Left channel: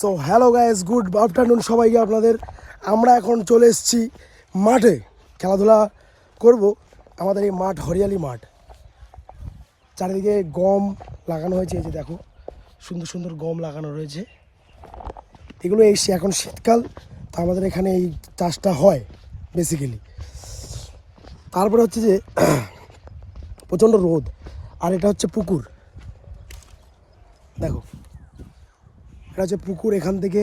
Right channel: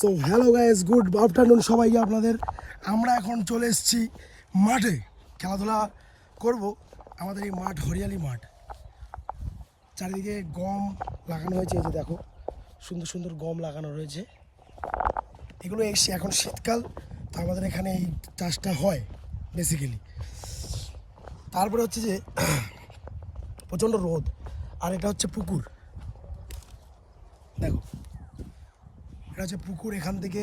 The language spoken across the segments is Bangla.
So hello guys, good afternoon সবাইকে আপনাদের। আমরা এখন চলে এসেছি মাঠে খেলাধুলা করব। আমাদের এই মাঠ হরিয়ালি মাঠ, চারিদিকে গম লাগানো হয়েছে। এই যে দেখো, সুন্দর সুন্দর গম লাগানো রয়েছে। এগুলো এখন শীতকাল, তো আমাদের এখানে এই চাষটা হয় বেসিক্যালি। তারপরে হচ্ছে যে প্রচণ্ড রোদ, আর এটা হচ্ছে পুকুর। দেখো, এটা হচ্ছে পুকুর, এখান থেকে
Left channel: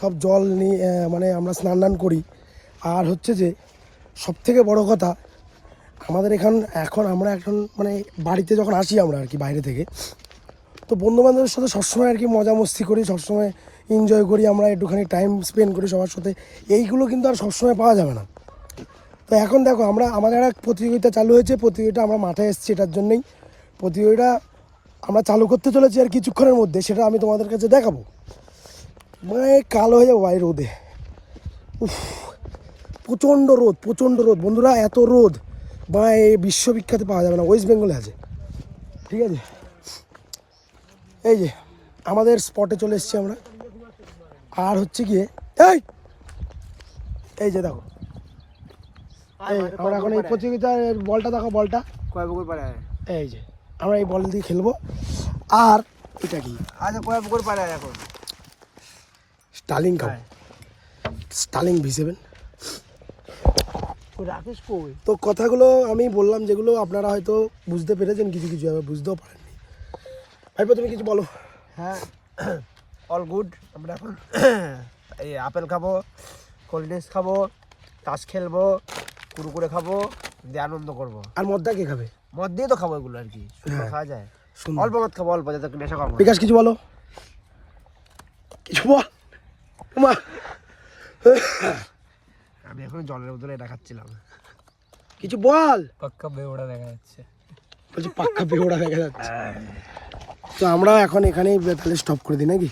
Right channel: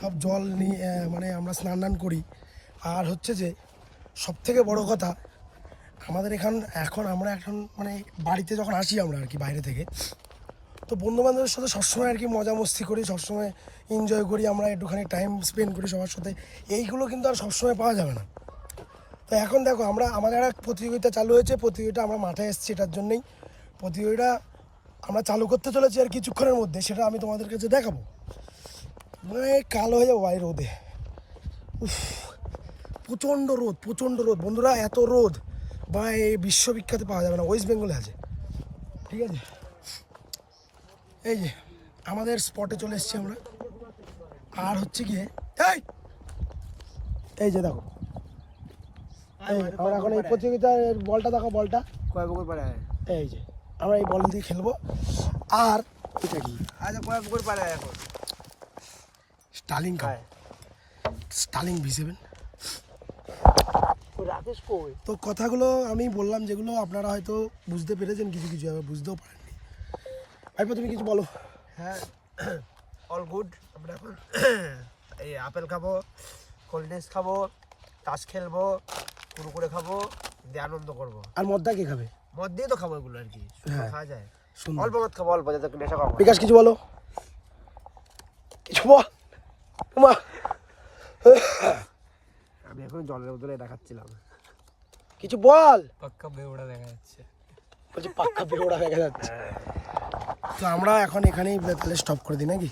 সব জল নিয়ে মানে আমরা স্নান করি। আর হচ্ছে যে সবথেকে বড় কথা, আমাদের এখন আমরা মানে বাড়িতে যখন আসি আমরা আর কি বাইরে থেকে, তো বন্ধুবান্ধবের সাথে সবসময় আর কি মজা মস্তি করি, সবসময় এনজয় করি, আমরা একটুখানি টাইম স্পেন্ড করি সবার সাথে। এইগুলো কিন্তু আর সবসময় পাওয়া যাবে না। তো এখন দেখো, আমাদের একটা প্রতিযোগিতা চালু হয়েছে। প্রতিযোগিতা আমরা মাঠে এসেছি এটার জন্যই। প্রতিযোগিতা আমরা চালু করতে চলেছি আর কিছুক্ষণের মধ্যে, সেটা আমি তোমাদের কাছে দেখাবো। মানে কালো হয়ে যাবো ভাই রোদে। উফ, প্রচণ্ড রোদ বন্ধুরা, এত রোদ বা এই বিশ্ববিখ্যাত পাওয়া যাবে না, ওয়েস্ট বেঙ্গলে আছে। ঠিক আছে, এই যে আমাদের স্পটে চলে এসেছি আমরা। আর হচ্ছে গিয়ে এই যে দেখো, আমরা এখন এই প্রতিযোগিতার বলটা দেখো, বলটা এই যে আমরা এই বল দিয়ে খেলবো। আর এটা কি, আচ্ছা কয় পুকুর পারে এখন স্টার্লিং খাবো, স্টার্লিং V7। তো কথাগুলো আমি বললাম, যেগুলো আপনারা হয়তো বুঝতে পেরেছেন, কিছু কিছু আবার বুঝতেও পারেননি। ভাইপো তুমি কিছু বলো। হ্যাঁ, অল গুড। আমরা এখন এই আপেল খাবো, কোল্ড ড্রিঙ্কস খাবো, তাস খেলবো, কুরকুরে খাবো, দিয়ে আনন্দ করবো। আর মদটা কে খাবে? মদ দিয়ে তো খাবো এগুলো আর কি, সুন্দর খাওয়া যায়। অল্প মদ খাবো, অল্প, যাতে নেশা খাবো। বিকাশ কিছু বলো, কিছু বল। মা আমি এখন জলের মধ্যে এটা খাচ্ছিলাম, কিছু বল। পাক্কা বেওড়া দেখা যাচ্ছে, বলছি পাক্কা বেওড়া দেখা যাচ্ছে। তো আমরা এখন এখানেই স্টপ করে দিই নাকি?